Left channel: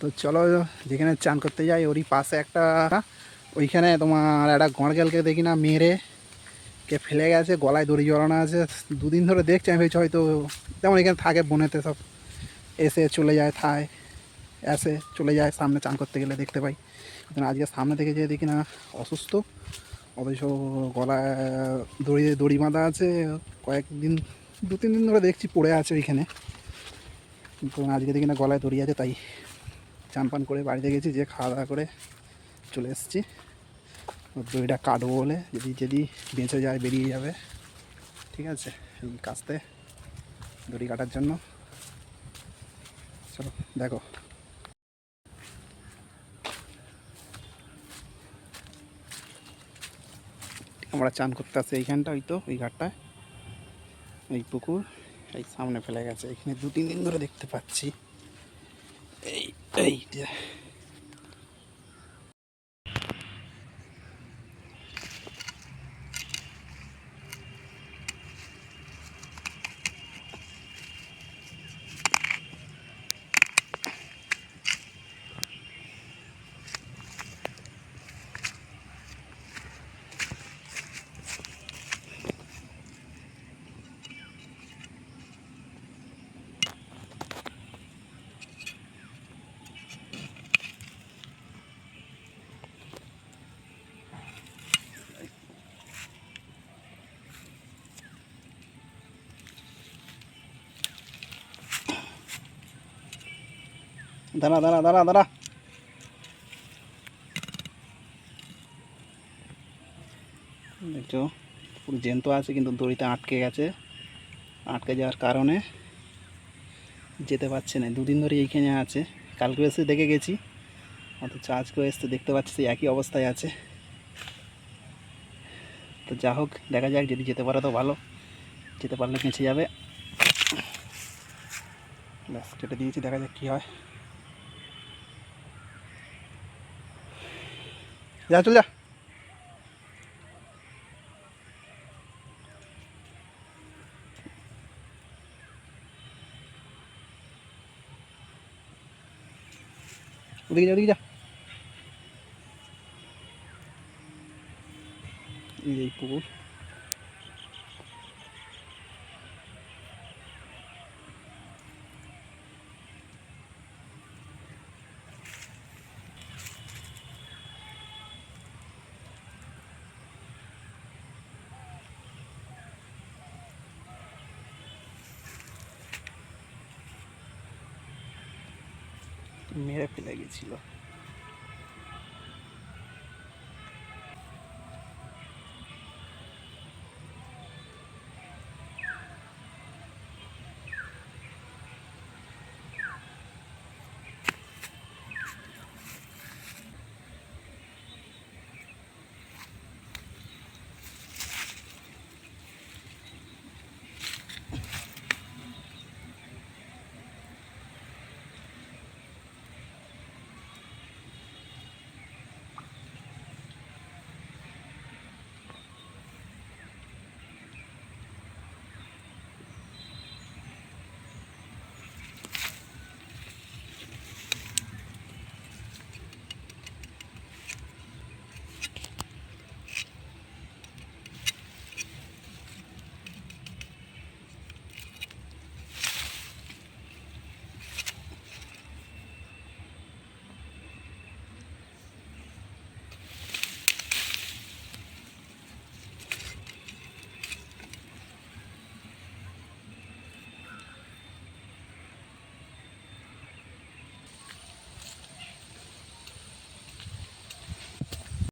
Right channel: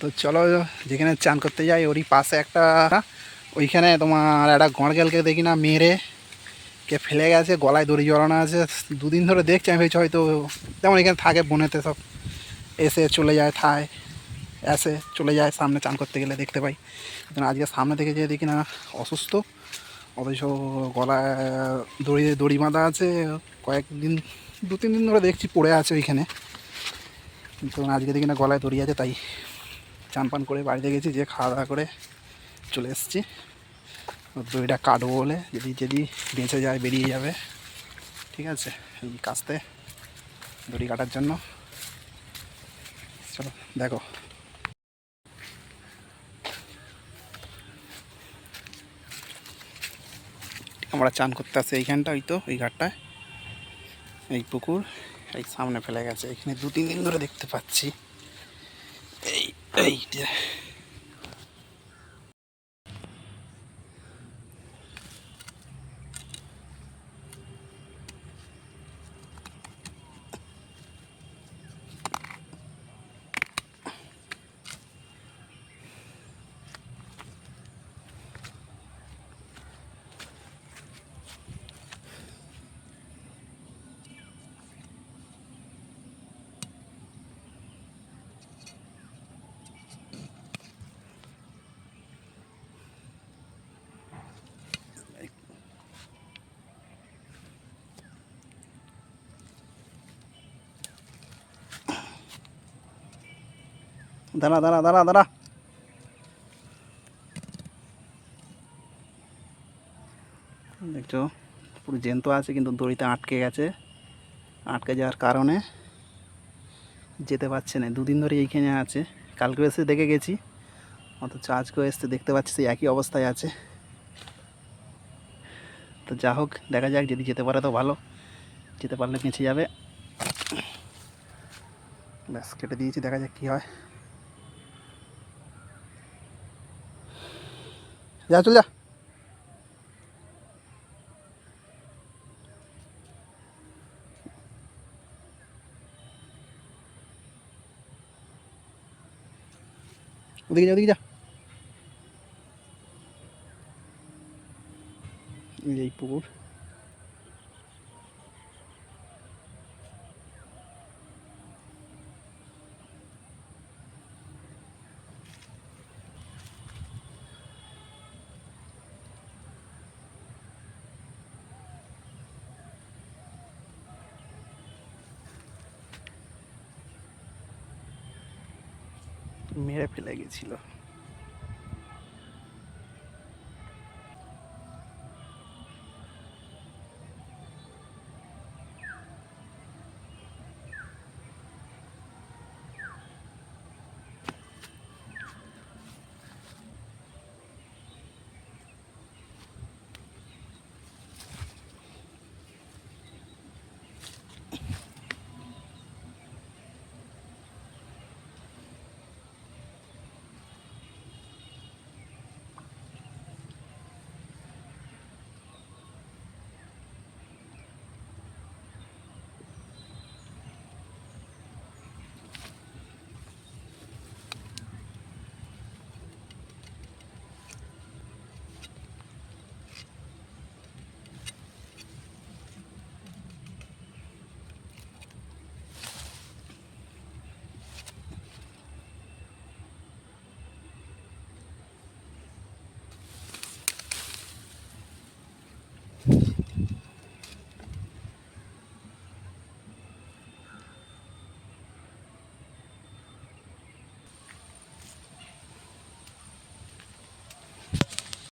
তো চলো যেখানে চান করতে যাই, ওরই পাশে একটা, ওইখানে তোমার একটা গড়গেলকে দেখি না, মেরে কে ফেলে গেছে, গলায় দড়ি জড়ানো আছে। দুদিন ধরে দেখছি, আমি ভেবেছি হয়তো যেমন এখানে থাকে বনেতে সব, এসে চলে যায় থায় এসে চলে যায়, সামনে চান করতে গেলে দেখতে পাই। কিন্তু আজকে সামনে থেকে যেয়ে দেখি না, অসুস্থ। অথচ গলায়, দড়ি দড়ি বাঁধা আছে, কয়েকদিন দু তিন দিন ধরে দেখছি পড়ে আছে ওইখানে। কিন্তু আজকে দেখি না গলায় দড়ি আছে, তাই চান পান করে বাড়িতে গেছি যে খাওয়া দাওয়া করে চলে এসেছি। দড়িটা কাটবো বলে যদি যদি বেঁচে যায়, বেরিয়ে যাবে। ঠিক আছে, এই কাস্তে দড়ি কাটার জন্য। চলো, দেখো। আমরা চান করতে আসি এইখানটা ওই তো এই ঘাটটায়। এই পুকুর, এই সামনে ফেলে গেছে। এখানে দু তিন দিন ধরে দেখতে পাচ্ছি। এই এইটা দাঁড়া দাঁড়া দাঁড়া দাঁড়া। দেখছ, পুরো জ্যান্ত আছে, কিন্তু দড়িতে আটকে গেছে। আটকে যাওয়ার কারণে যেতে পারছে না। দুদিন ধরে এইখানে আছে। কালকে এসে দেখে গেছি। অথচ আজকেও এসে দেখতে পাচ্ছি সেই একই অবস্থায় আছে। তো যা হোক, দেখা যাক, যদি যেতে পারে তো ভালো। যেতে পারলে বেঁচে যাবে। ব্যাস, কেটে দিয়েছি, দেখা যাক কী হয়। যা চল যা ওদিকে যা ওদিকে যা এই যে মেরে ফেলে গেছিল।